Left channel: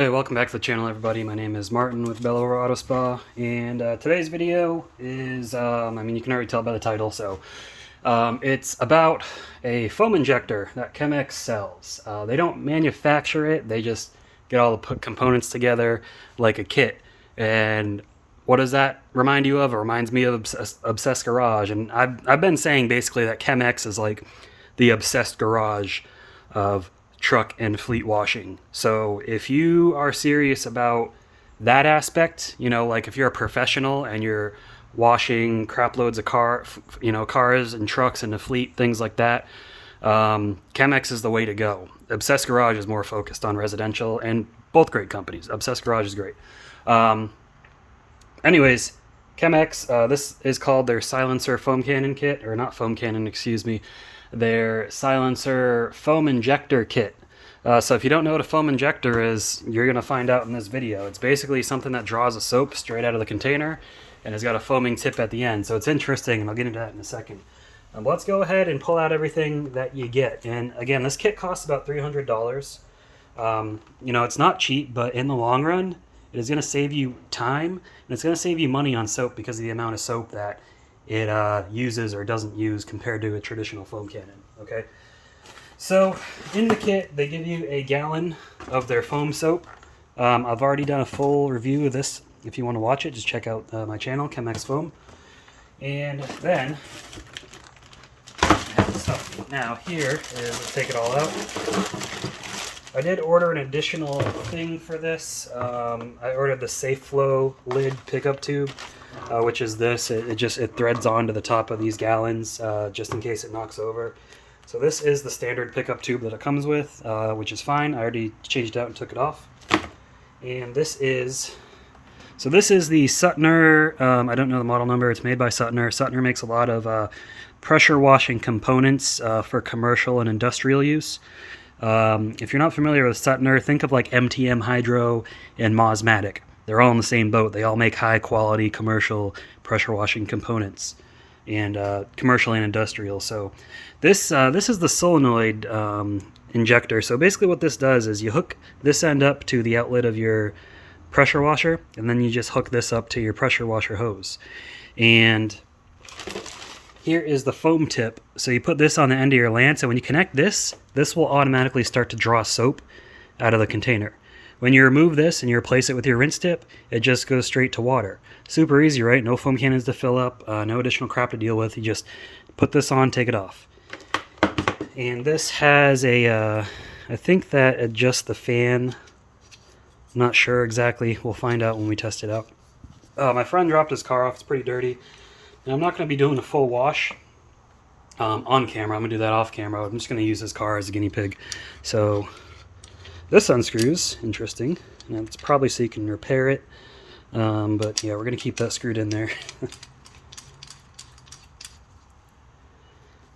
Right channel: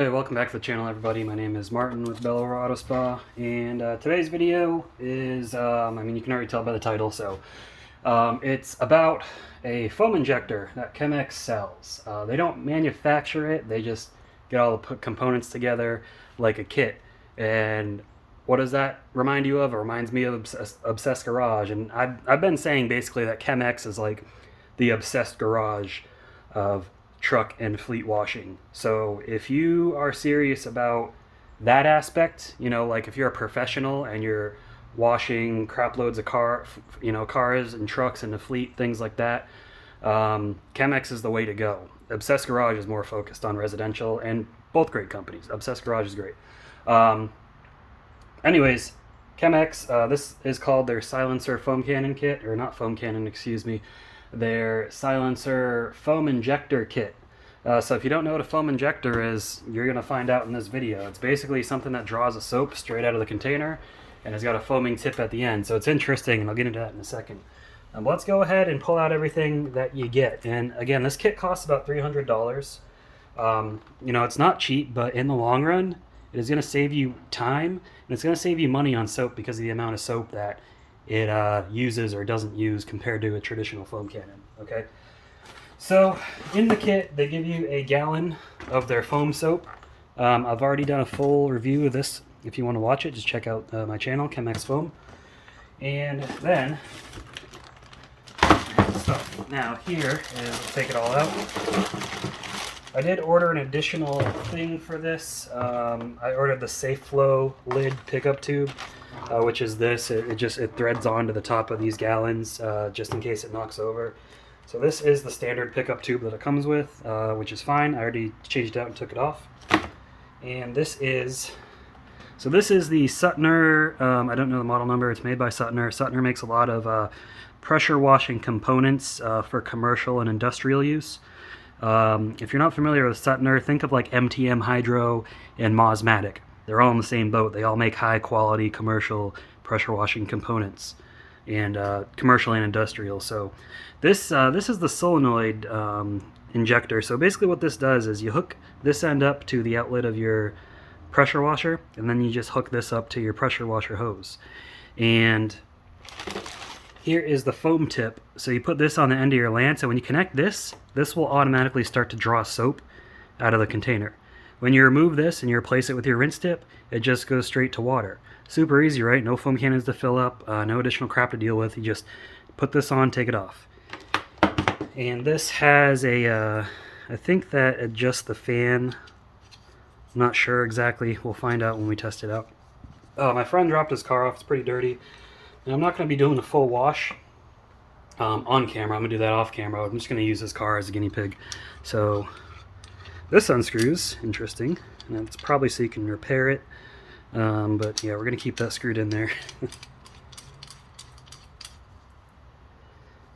Hey, welcome back to the channel, everybody. My name is Martin with Bellower Auto Spa, and today's video is, you can already tell by the title, so it's about a foam injector that Chem-X sells. They don't manufacture it, they just get all the components together like a kit. And what does that remind you of? It reminds me of Obsessed Garage, and I've been saying basically that Chem-X is like the Obsessed Garage of truck and fleet washing. So if you are serious about that aspect, like if you're a professional and you're washing crap loads of cars and trucks and the fleet, things like that, Chemex is the way to go. Obsessed Garage is more focused on residential, and both great companies. Obsessed Garage is great. Anyways, Chemex, this is called their silencer foam cannon kit, or not foam cannon, excuse me, their silencer foam injector kit. So if you don't know what a foam injector is, you're going to find out in this video. It's basically something that draws a soap straight out of the container and has got a foaming tip at the end. So it's interesting, and I'll get into that in a second. Let's go ahead and pull out everything that you get. And again, this kit costs about $300. It's not cheap, but in the long run, it is going to save you time, and it's going to save you money on soap because of the amount of soap that it uses or doesn't use compared to a traditional foam cannon. Okay, so in the kit they give you a gallon of their foam soap. I've already done a full review of this. If you want to watch it, just check out my channel, Chem-X Foam. And then stuff. Now here is, let's take it all out. I did order an additional thing for this. I ordered the Safe Flow lid pickup tube, which is this. It threads onto the top of these gallons just in case it knocks over. So this is the standard pickup tube that it comes with, which is fine. I already changed it out and took it off. And this is the Suttner. I don't know the model number. It's made by Suttner. Suttner makes a lot of pressure washing components for commercial and industrial use. If you're not familiar with Suttner, think of like MTM Hydro and Mosmatic. They're all in the same boat. They all make high quality commercial pressure washing components, and commercial and industrial. So this is the solenoid injector. So basically what this does is you hook this end up to the outlet of your pressure washer, and then you just hook this up to your pressure washer hose. And here is the foam tip. So you put this on the end of your lance, and when you connect this will automatically start to draw soap out of the container. When you remove this and you replace it with your rinse tip, it just goes straight to water. Super easy, right? No foam cannons to fill up, no additional crap to deal with. You just put this on, take it off. And this has a, I think that adjusts the fan. I'm not sure exactly. We'll find out when we test it out. My friend dropped his car off. It's pretty dirty. And I'm not going to be doing a full wash on camera. I'm going to do that off camera. I'm just going to use his car as a guinea pig. So this unscrews. Interesting. And it's probably so you can repair it. But yeah, we're going to keep that screwed in there.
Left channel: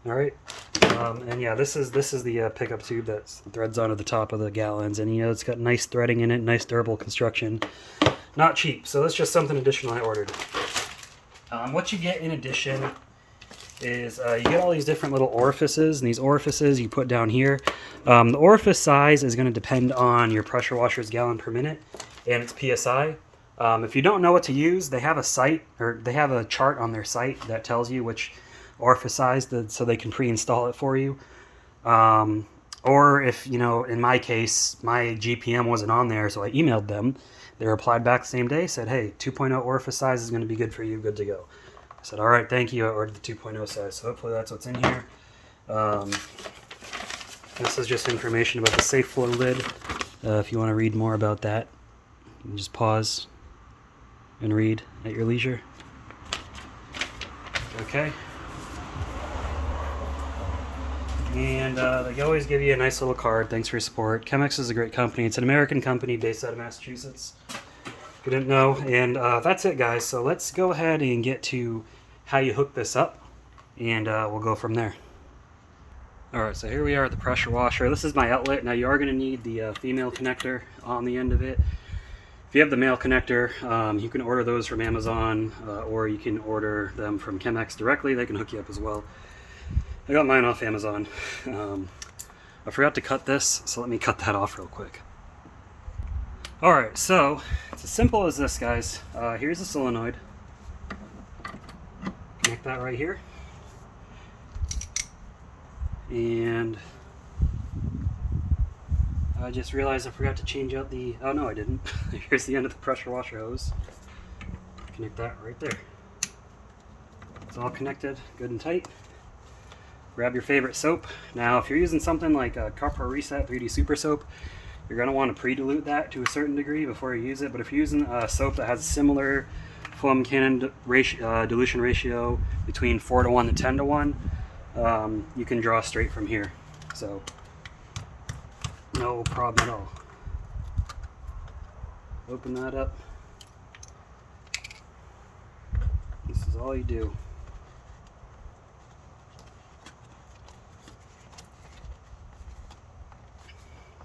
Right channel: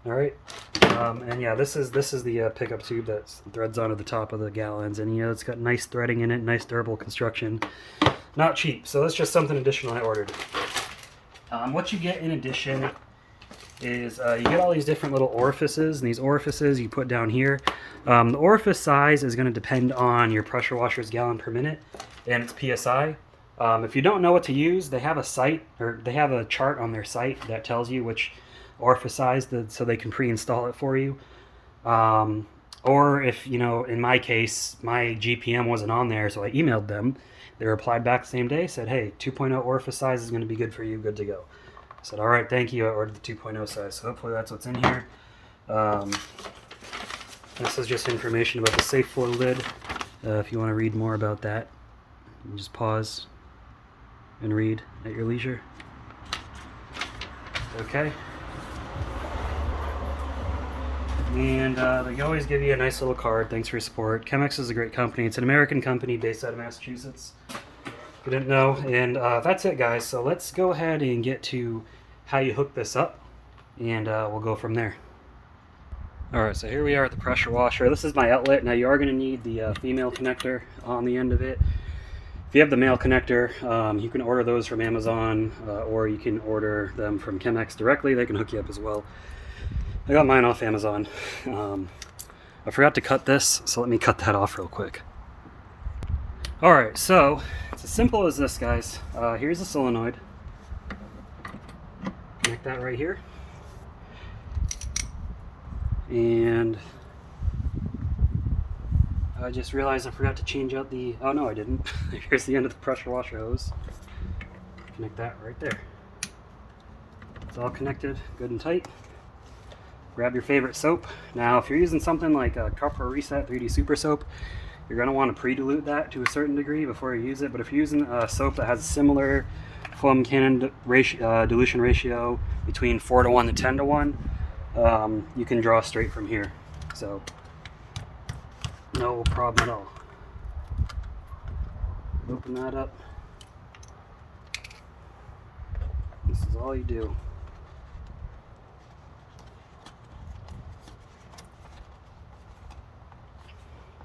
All right. And yeah, this is the pickup tube that threads onto the top of the gallons. And it's got nice threading in it, nice durable construction. Not cheap. So that's just something additional I ordered. What you get in addition is you get all these different little orifices, and these orifices you put down here. The orifice size is going to depend on your pressure washer's gallon per minute and its PSI. If you don't know what to use, they have a chart on their site that tells you which orifice size so they can pre-install it for you. Or if, in my case, my GPM wasn't on there, so I emailed them. They replied back the same day, said, hey, 2.0 orifice size is going to be good for you, good to go. I said, all right, thank you. I ordered the 2.0 size, so hopefully that's what's in here. This is just information about the Safe Flow lid. If you want to read more about that, you can just pause and read at your leisure. Okay. And they always give you a nice little card. Thanks for your support. Chemex is a great company. It's an American company based out of Massachusetts. If you didn't know. And that's it, guys. So let's go ahead and get to how you hook this up, and we'll go from there. Alright, so here we are at the pressure washer. This is my outlet. Now you are going to need the female connector on the end of it. If you have the male connector, you can order those from Amazon, or you can order them from Chemex directly. They can hook you up as well. I got mine off Amazon. I forgot to cut this, so let me cut that off real quick. Alright, so it's as simple as this, guys. Here's a solenoid. Connect that right here. And I just realized I forgot to change out the... Oh no, I didn't. Here's the end of the pressure washer hose. Connect that right there. It's all connected, good and tight. Grab your favorite soap. Now, if you're using something like a Carpro Reset 3D Super Soap, you're going to want to pre-dilute that to a certain degree before you use it. But if you're using a soap that has a similar foam cannon dilution ratio between 4:1 to 10:1, you can draw straight from here. So, no problem at all. Open that up. This is all you do.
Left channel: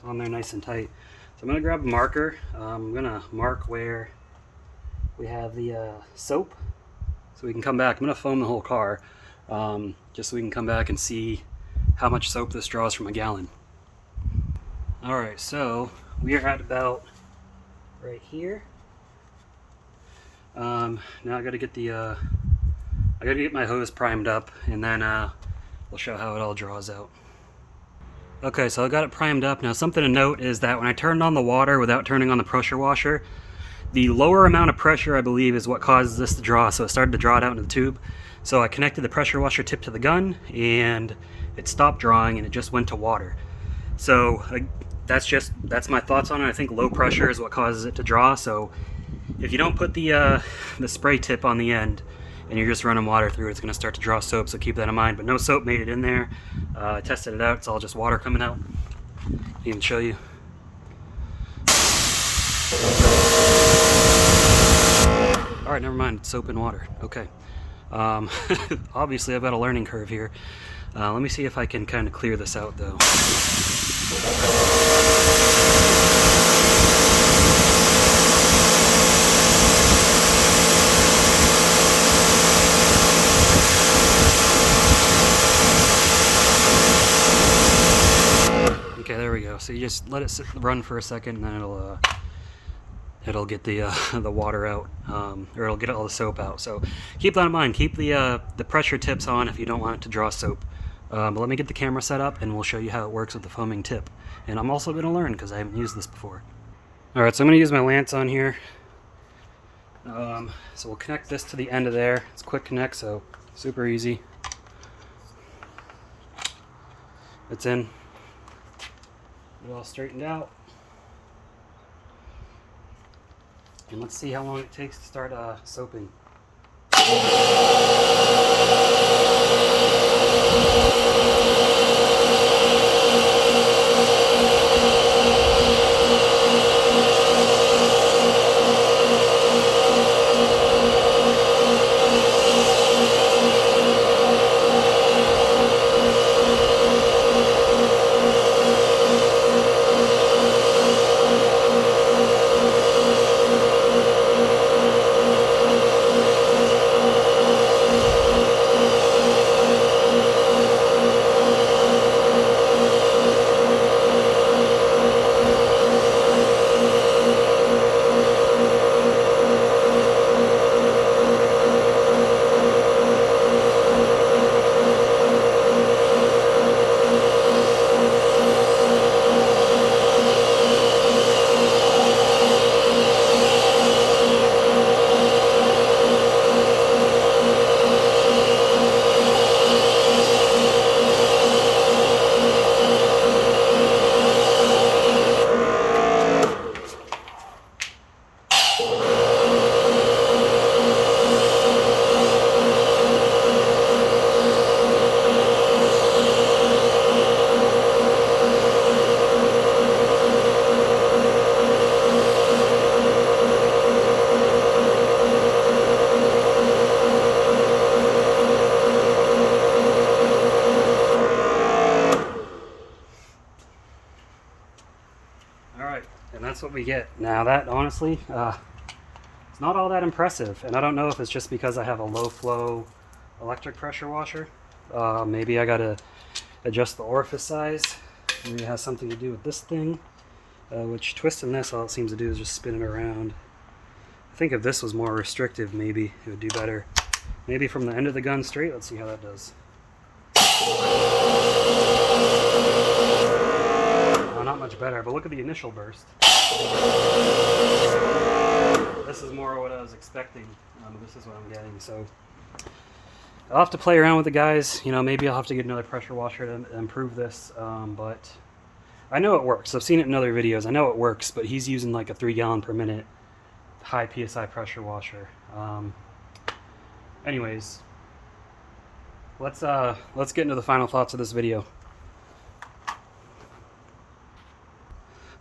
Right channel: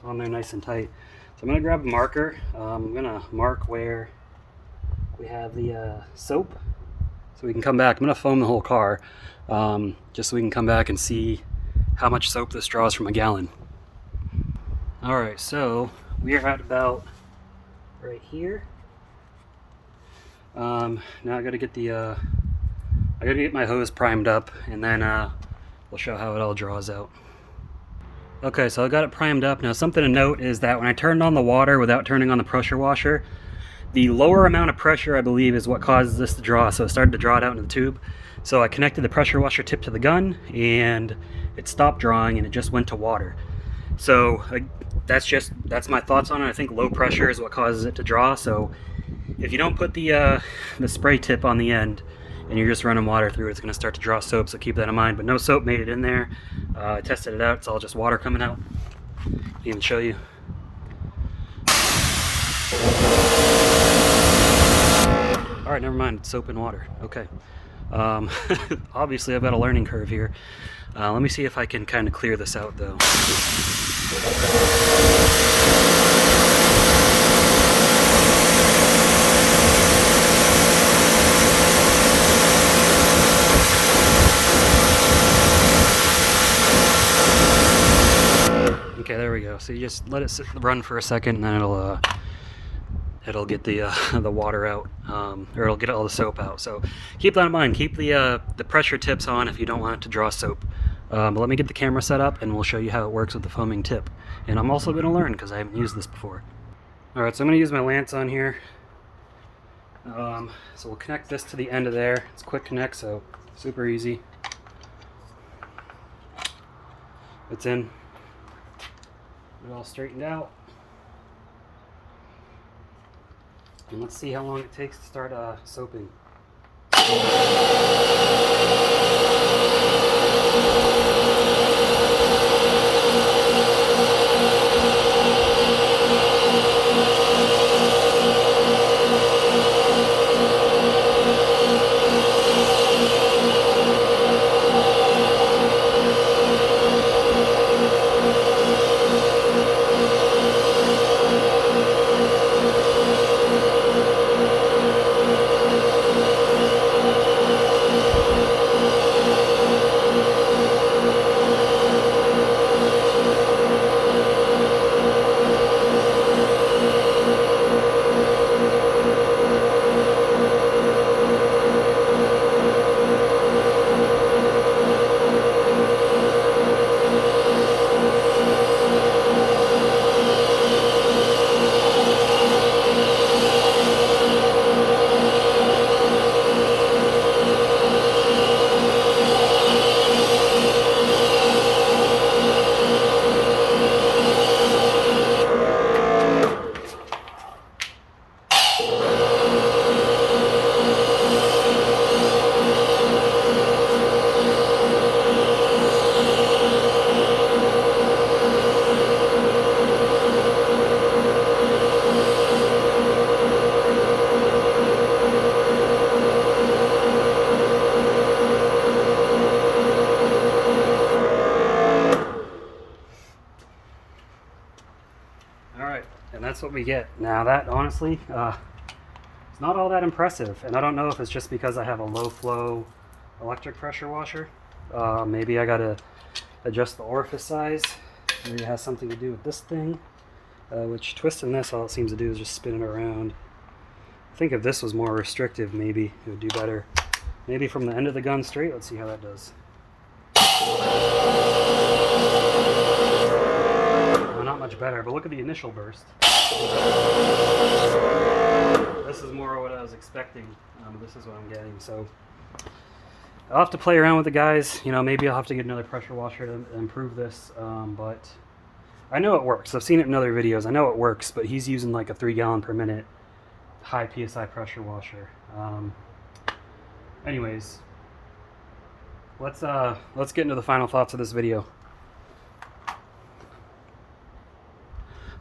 On there nice and tight. So I'm going to grab a marker. I'm going to mark where we have the soap so we can come back. I'm going to foam the whole car just so we can come back and see how much soap this draws from a gallon. Alright, so we are at about right here. Now I got to get the I got to get my hose primed up, and then we'll show how it all draws out. Okay, so I got it primed up. Now something to note is that when I turned on the water without turning on the pressure washer, the lower amount of pressure, I believe, is what causes this to draw. So it started to draw it out into the tube. So I connected the pressure washer tip to the gun and it stopped drawing and it just went to water. So that's my thoughts on it. I think low pressure is what causes it to draw. So if you don't put the spray tip on the end and you're just running water through, it's going to start to draw soap, so keep that in mind. But no soap made it in there. I tested it out, it's all just water coming out. I'll even show you. Alright, never mind, it's soap and water. Okay. Obviously I've got a learning curve here. Let me see if I can kind of clear this out though. Okay, there we go. So you just let it run for a second, and then it'll get the water out, or it'll get all the soap out. So keep that in mind. Keep the pressure tips on if you don't want it to draw soap. But let me get the camera set up, and we'll show you how it works with the foaming tip. And I'm also going to learn because I haven't used this before. All right, so I'm going to use my lance on here. So we'll connect this to the end of there. It's quick connect, so super easy. It's in. Get it all straightened out. And let's see how long it takes to start soaping. And that's what we get. Now that, honestly, it's not all that impressive. And I don't know if it's just because I have a low flow electric pressure washer. Maybe I gotta adjust the orifice size. Maybe it has something to do with this thing. which twisting this, all it seems to do is just spin it around. I think if this was more restrictive, maybe it would do better. Maybe from the end of the gun straight. Let's see how that does. Oh, not much better, but look at the initial burst. This is more what I was expecting. This is what I'm getting. So I'll have to play around with the guys. You know, maybe I'll have to get another pressure washer to improve this. But I know it works. I've seen it in other videos. I know it works, but he's using like a 3 gallon per minute high PSI pressure washer. Anyways, let's get into the final thoughts of this video.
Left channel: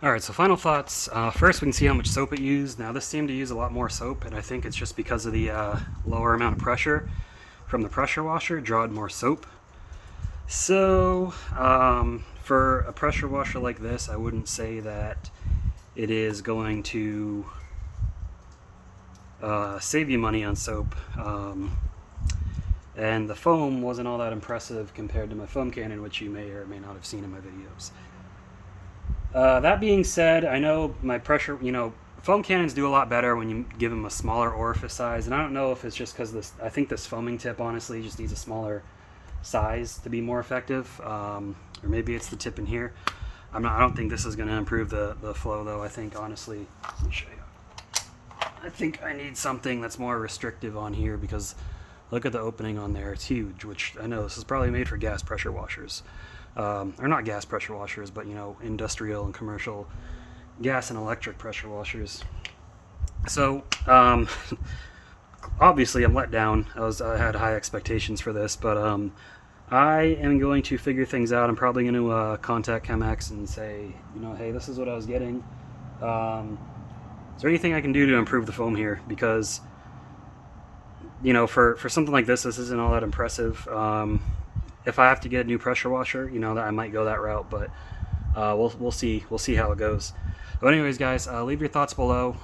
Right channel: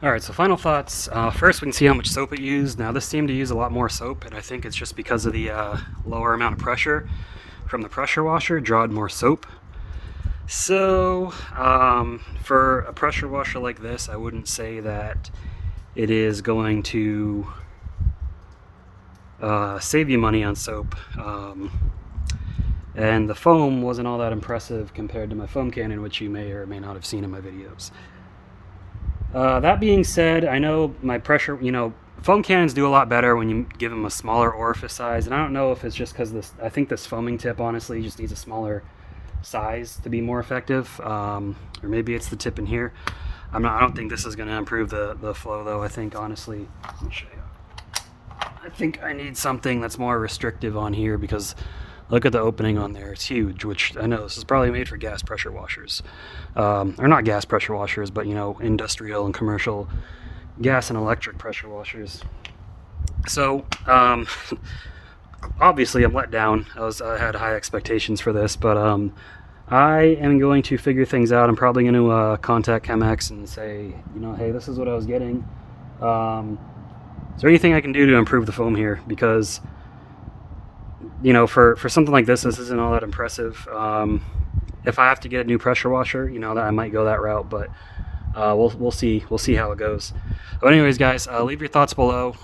Alright, so final thoughts. First, we can see how much soap it used. Now, this seemed to use a lot more soap, and I think it's just because of the lower amount of pressure from the pressure washer, drawed more soap. So, for a pressure washer like this, I wouldn't say that it is going to save you money on soap. And the foam wasn't all that impressive compared to my foam cannon, which you may or may not have seen in my videos. That being said, I know my pressure, you know, foam cannons do a lot better when you give them a smaller orifice size, and I don't know if it's just because this, I think this foaming tip honestly just needs a smaller size to be more effective, or maybe it's the tip in here. I don't think this is going to improve the flow though. I think honestly, let me show you. I think I need something that's more restrictive on here, because look at the opening on there, it's huge, which I know this is probably made for gas pressure washers. Or not gas pressure washers, but you know, industrial and commercial gas and electric pressure washers. So obviously I'm let down. I had high expectations for this, but I am going to figure things out. I'm probably going to contact Chem-X and say, you know, hey, this is what I was getting. Is there anything I can do to improve the foam here? Because, you know, for something like this isn't all that impressive. If I have to get a new pressure washer, you know, that I might go that route, but we'll see how it goes. But anyways, guys, leave your thoughts below.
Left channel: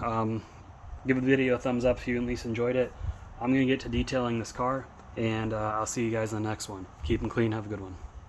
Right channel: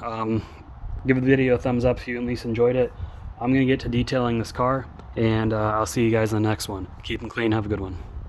Give the video a thumbs up if you at least enjoyed it. I'm gonna get to detailing this car, and I'll see you guys in the next one. Keep them clean. Have a good one.